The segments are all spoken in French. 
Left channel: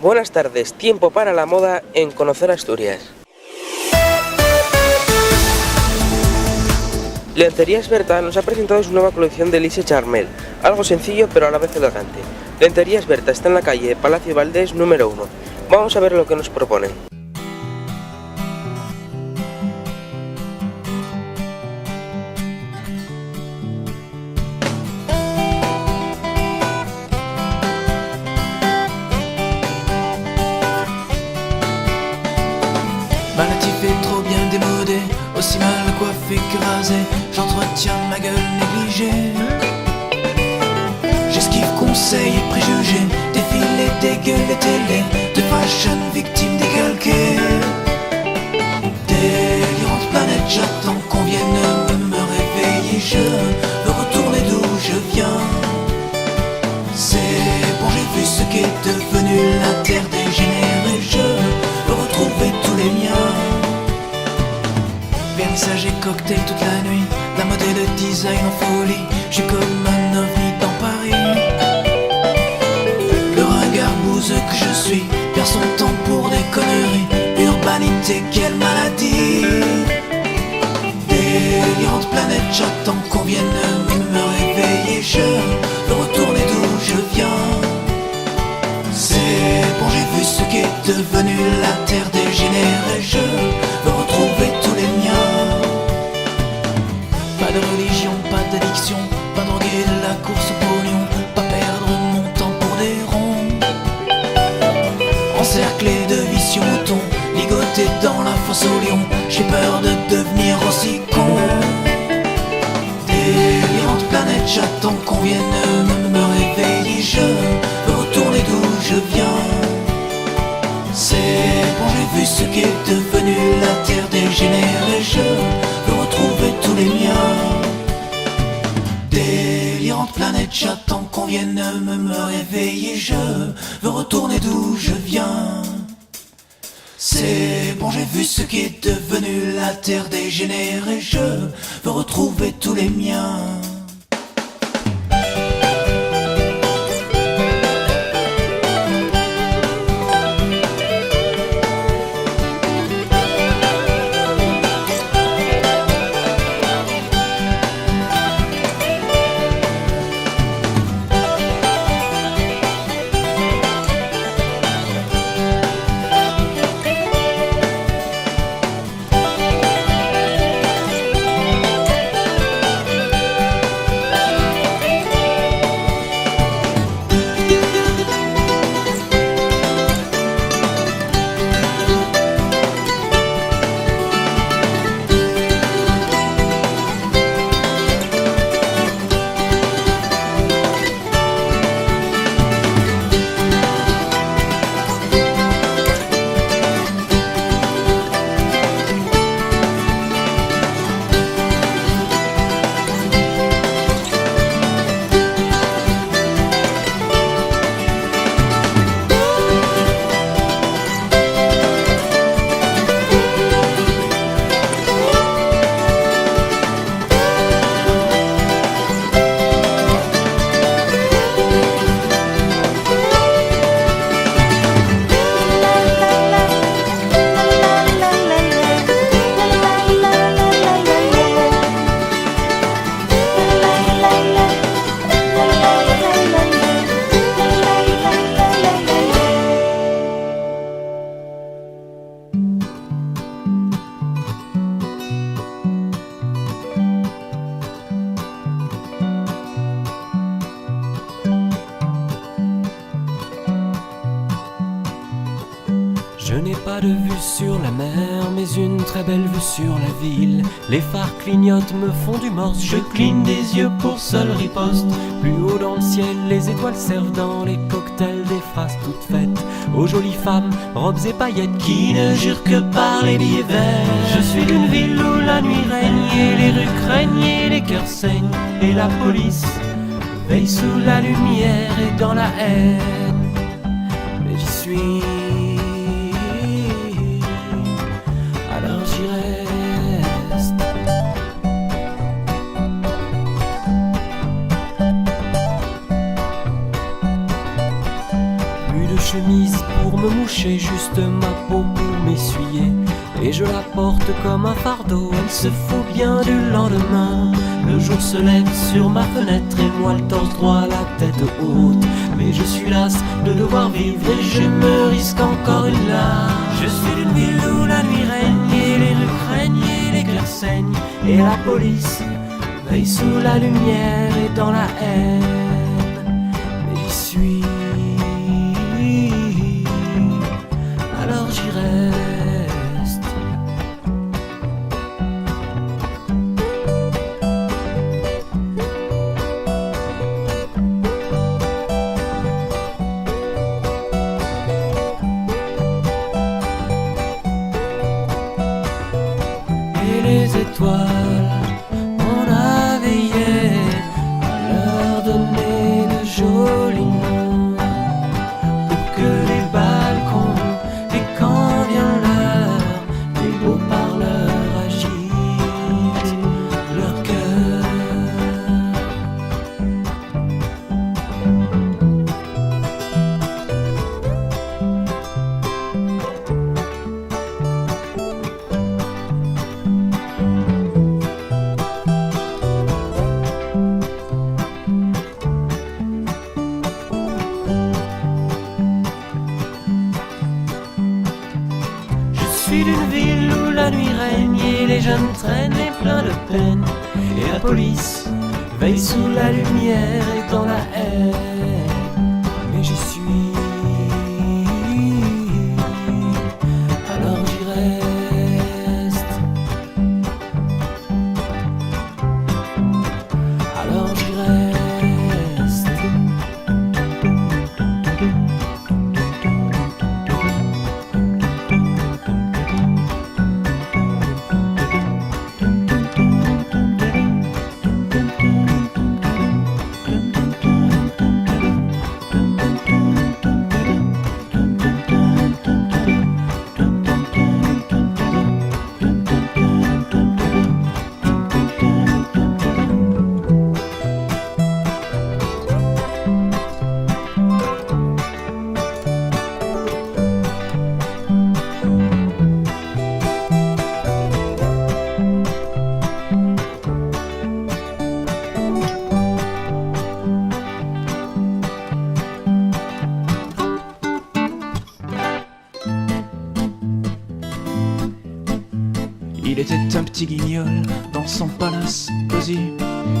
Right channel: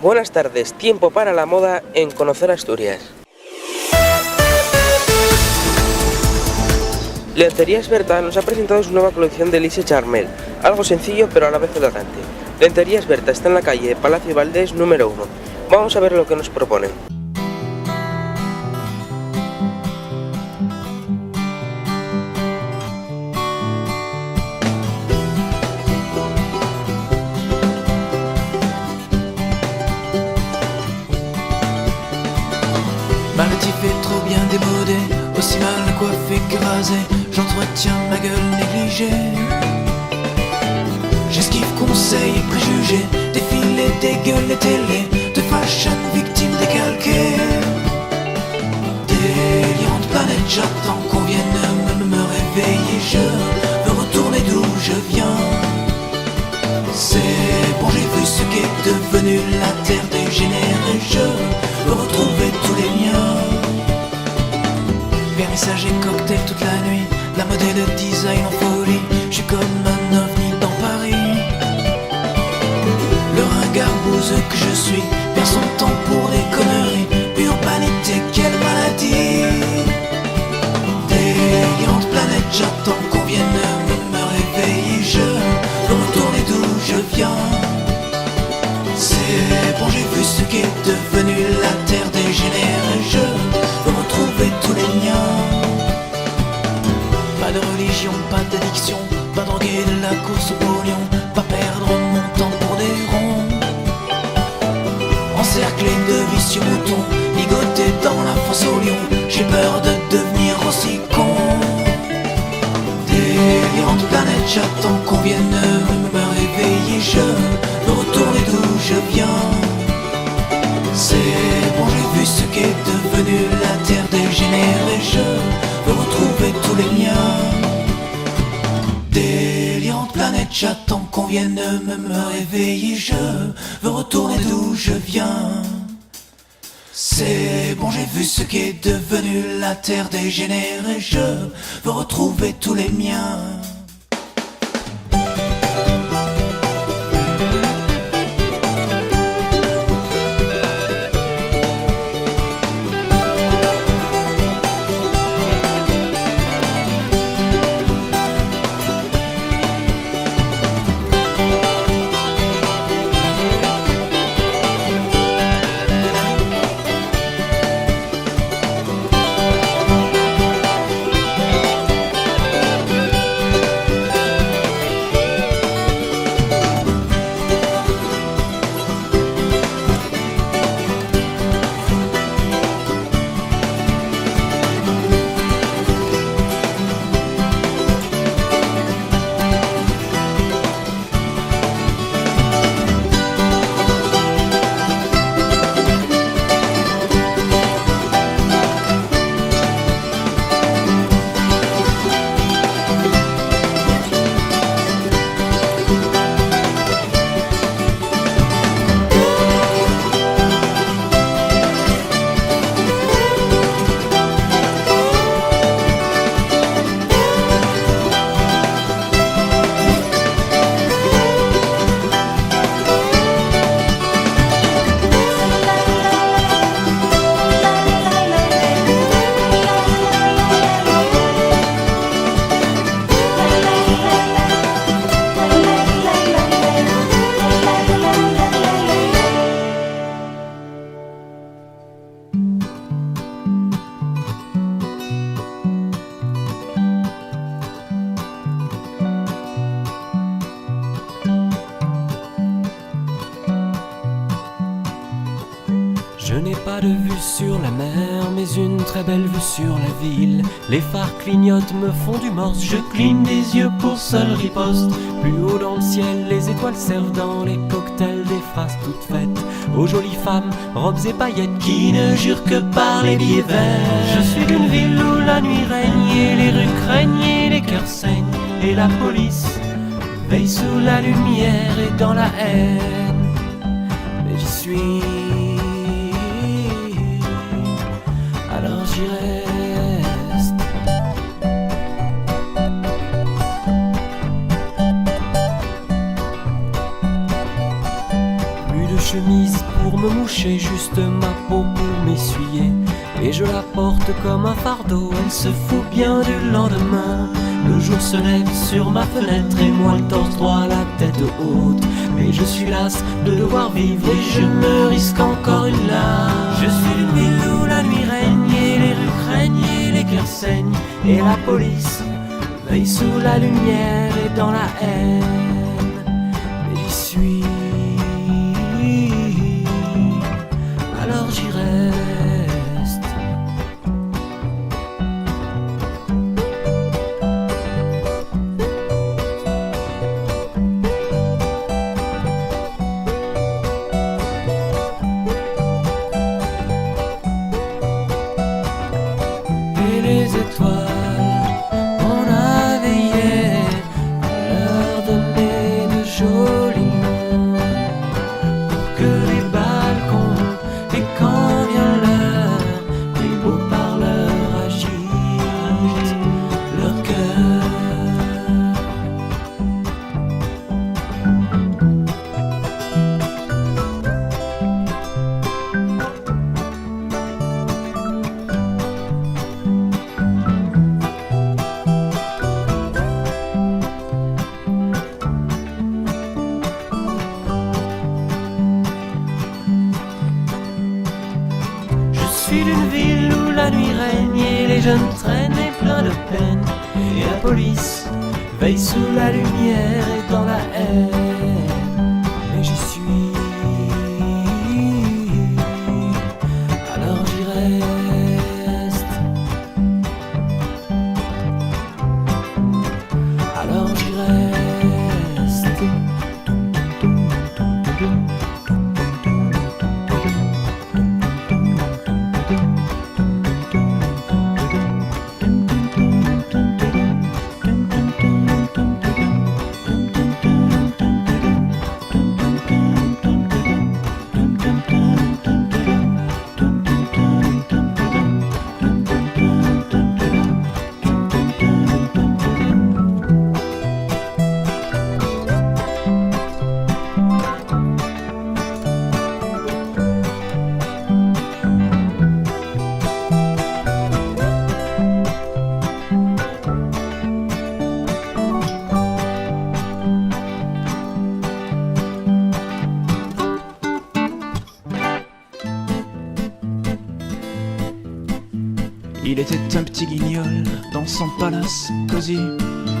Buenas tardes, tiempo para la moda en Conocer Asturias. Lencerías Berta nos ha presentado su nueva colección de Lise Charmel, algo sencillo pero a la vez elegante. Lencerías Berta está en la calle Palacio Valdés número 1. Vamos a ver lo que nos proponen. Malatif est trop bien démodé, aussi mal coiffé que rasé, j'entretiens ma gueule négligée. J'esquive conseils et préjugés, défilés, dégueules et télé, de fashion victime décalquée. Délirante planète, j'attends qu'on vienne me réveiller, je veux retourner d'où je viens. C'est bon, j'ai vu ce qu'est devenu la terre dégénérée, je veux retrouver tous les miens. Vernissage et cocktail toute la nuit, la mode et le design en folie, je suis comme un ovni dans Paris. Le ringard bouseux que je suis perd son temps pour des conneries. Urbanité, quelle maladie. Délirante planète, j'attends qu'on vienne me réveiller, je veux retourner d'où je viens. C'est bon, j'ai vu ce qu'est devenu la terre dégénérée, je veux retrouver tous les miens. Pas de religion, pas d'addiction, pas droguer de la course au pognon, pas perdre mon temps pour des ronds. Encerclé de vicieux moutons, ligoté dans la fosse au lion, j'ai peur de devenir aussi con. Délirante planète, j'attends qu'on vienne me réveiller, je veux retourner d'où je viens. C'est bon, j'ai vu ce qu'est devenu la terre dégénérée, je veux retrouver tous les miens. Délirante planète, j'attends qu'on vienne me réveiller, je veux retourner d'où je viens. C'est bon, j'ai vu ce qu'est devenu la terre dégénérée, je veux retrouver tous les miens. Je n'ai pas de vue sur la mer, mais une très belle vue sur la ville. Les phares clignotent, me font du morse, je cligne des yeux pour seule riposte. Plus haut dans le ciel, les étoiles servent dans les cocktails des phrases toutes faites aux jolies femmes, robes et paillettes qui ne jurent que par les billets verts. Je suis d'une ville où la nuit règne et les rues craignent et les cœurs saignent, et la police veille sous la lumière et dans la haine. Mais j'y suis, alors j'y reste. Plus de chemise pour me moucher, juste ma peau pour m'essuyer. Et je la porte comme un fardeau, elle se fout bien du lendemain. Le jour se lève sur ma fenêtre et moi le torse droit, la tête haute. Mais je suis las de devoir vivre et je me risque encore une larme. Je suis d'une ville où la nuit règne et les rues craignent et les cœurs saignent. Et la police veille sous la lumière et dans la haine. Mais j'y suis, alors j'y reste. Les étoiles, on a veillé à leur donner de jolis noms, pour que les balcons, et quand vient l'heure, les beaux parleurs agitent leur cœur. Je suis d'une ville où la nuit règne et les jeunes traînent et plein de peine. Et la police veille sous la lumière et dans la haine. Mais j'y suis, alors j'y reste. Alors j'y reste. Il était un petit guignol dans son palace cosy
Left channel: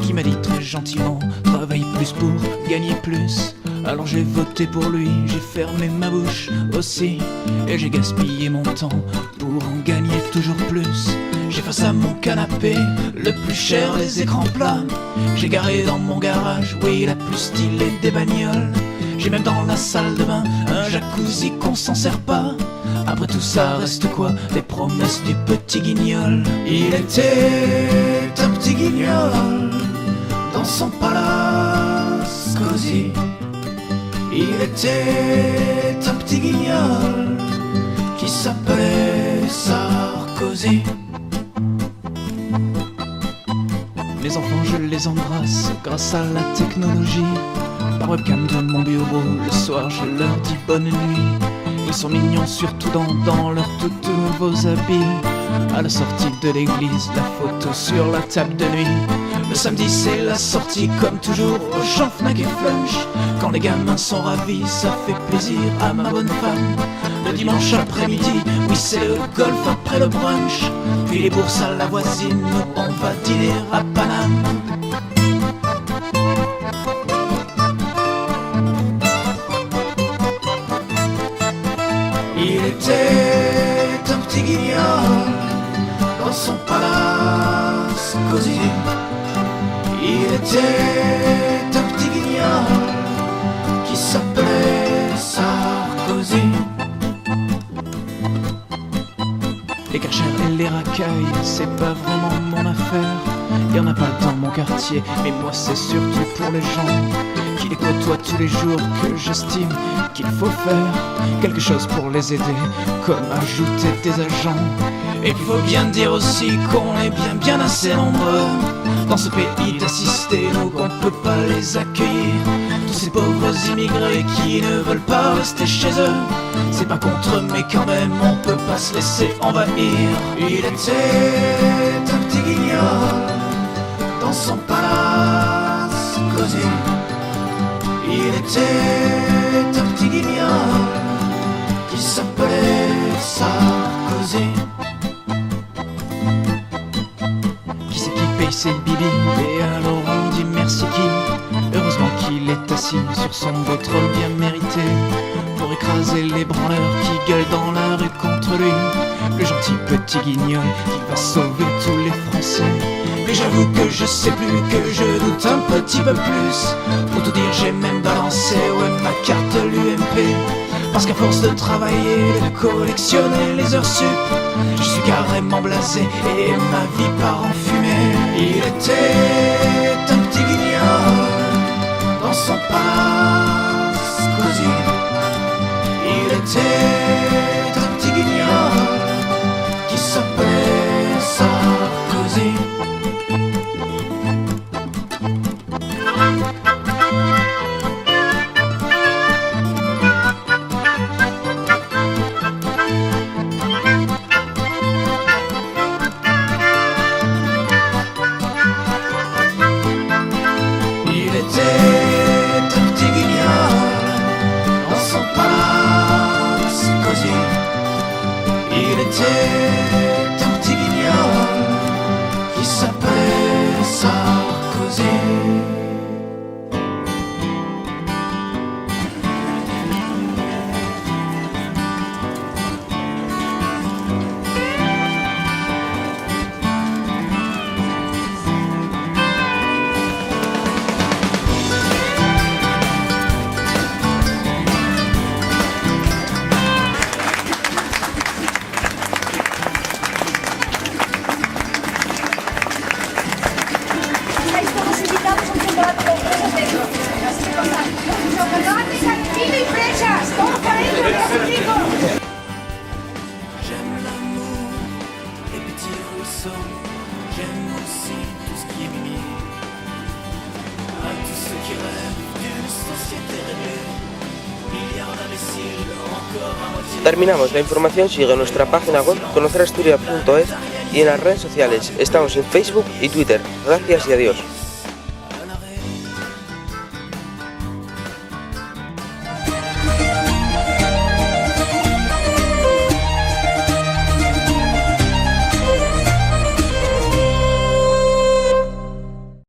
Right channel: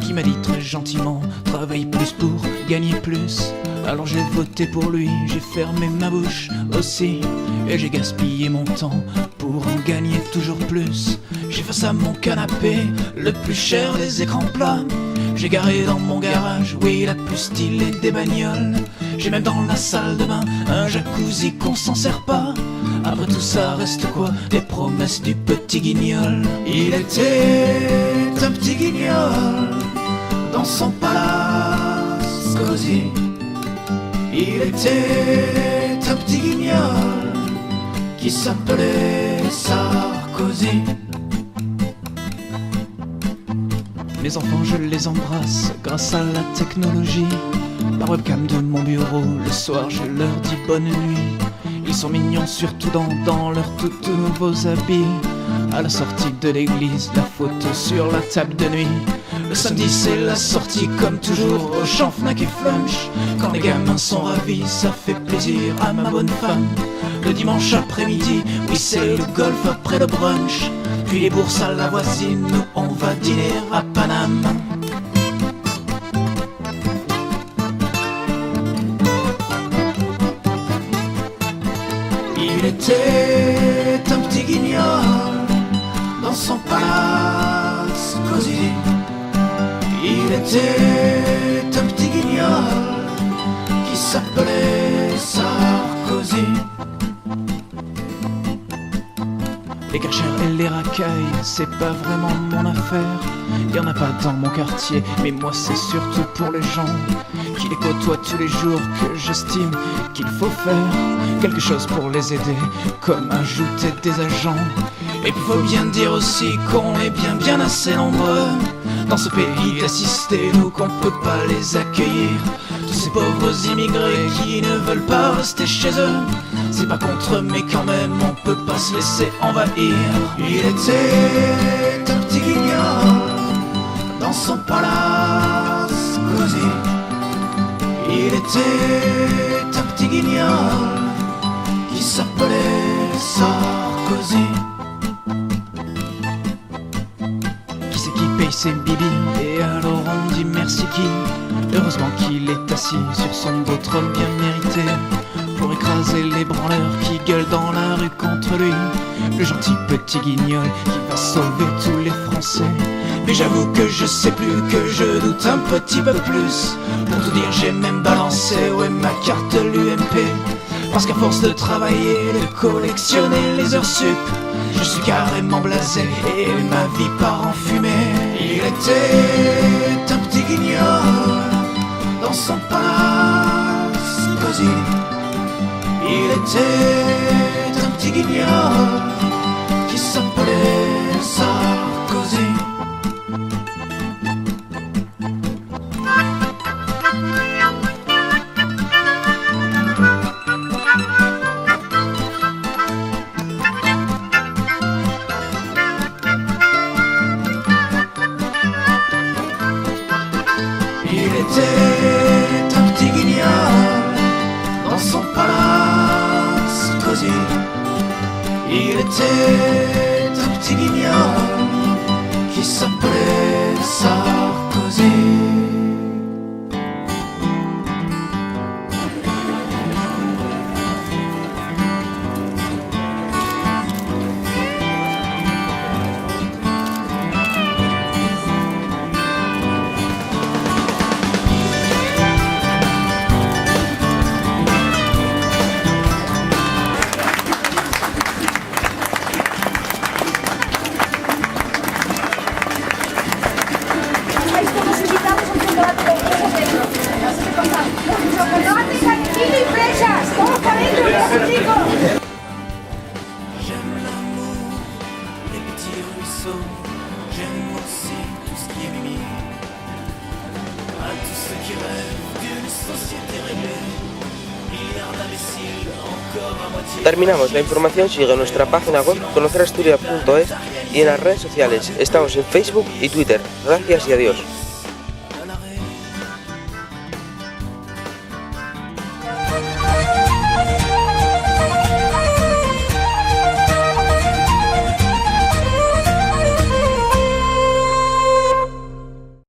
qui m'a dit très gentiment: travaille plus pour gagner plus. Alors j'ai voté pour lui, j'ai fermé ma bouche aussi, et j'ai gaspillé mon temps pour en gagner toujours plus. J'ai face à mon canapé le plus cher des écrans plats. J'ai garé dans mon garage, oui, la plus stylée des bagnoles. J'ai même dans la salle de bain un jacuzzi qu'on s'en sert pas. Après tout ça reste quoi? Les promesses du petit guignol. Il était un petit guignol dans son palace cosy. Il était un petit guignol qui s'appelait Sarkozy. Mes enfants, je les embrasse grâce à la technologie. Par webcam de mon bureau, le soir je leur dis bonne nuit. Ils sont mignons surtout dans leurs tout nouveaux habits. À la sortie de l'église, la photo sur la table de nuit. Le samedi c'est la sortie comme toujours au champ Fnac et Flunch. Quand les gamins sont ravis, ça fait plaisir à ma bonne femme. Le dimanche après-midi, oui c'est le golf après le brunch. Puis les bourses à la voisine, nous on va dîner à Paname. Il était un petit guignol dans son palace cosy. Il était un petit guignol qui s'appelait Sarkozy. Les Karcher et les racailles, c'est pas vraiment mon affaire. Y'en a pas dans mon quartier, mais moi c'est surtout pour les gens qui les côtoient tous les jours que j'estime qu'il faut faire quelque chose pour les aider, comme ajouter des agents. Et faut bien dire aussi qu'on est bien assez nombreux dans ce pays d'assister, nous qu'on peut pas les accueillir. Tous ces pauvres immigrés qui ne veulent pas rester chez eux. C'est pas contre eux, mais quand même on peut pas se laisser envahir. Il était un petit guignol dans son palace cosy. Il était un petit guignol qui s'appelait Sarkozy. Qui c'est qui paye ses bibis? Et alors on dit merci qui? Heureusement qu'il est assis sur son beau trône bien mérité, pour écraser les branleurs qui gueulent dans la rue contre lui. Le gentil petit guignol qui va sauver tous les Français. Mais j'avoue que je sais plus, que je doute un petit peu plus. Pour tout dire, j'ai même balancé, ouais, ma carte l'UMP. Parce qu'à force de travailler, de collectionner les heures sup, je suis carrément blasé et ma vie part en fumée. Il était un petit guignol dans son palace cosy. Il était un petit guignol qui s'appelait Sarkozy. Il était un petit guignol dans son palace cosy. Il était un petit guignol qui s'appelait Sarkozy. Estamos invitados a un chocolate con fresas dentro. Así que pasa, chocolate calientito y fresas. Todos para adentro, chicos. J'aime l'amour, les petits ruisseaux. J'aime aussi tout ce qui est mimi. À tous ceux qui rêvent d'une société réglée. Milliards d'imbéciles encore à moitié. Terminamos. La información sigue en nuestra página web conocerasturias.es y en las redes sociales. Estamos en Facebook y Twitter. Gracias y adiós.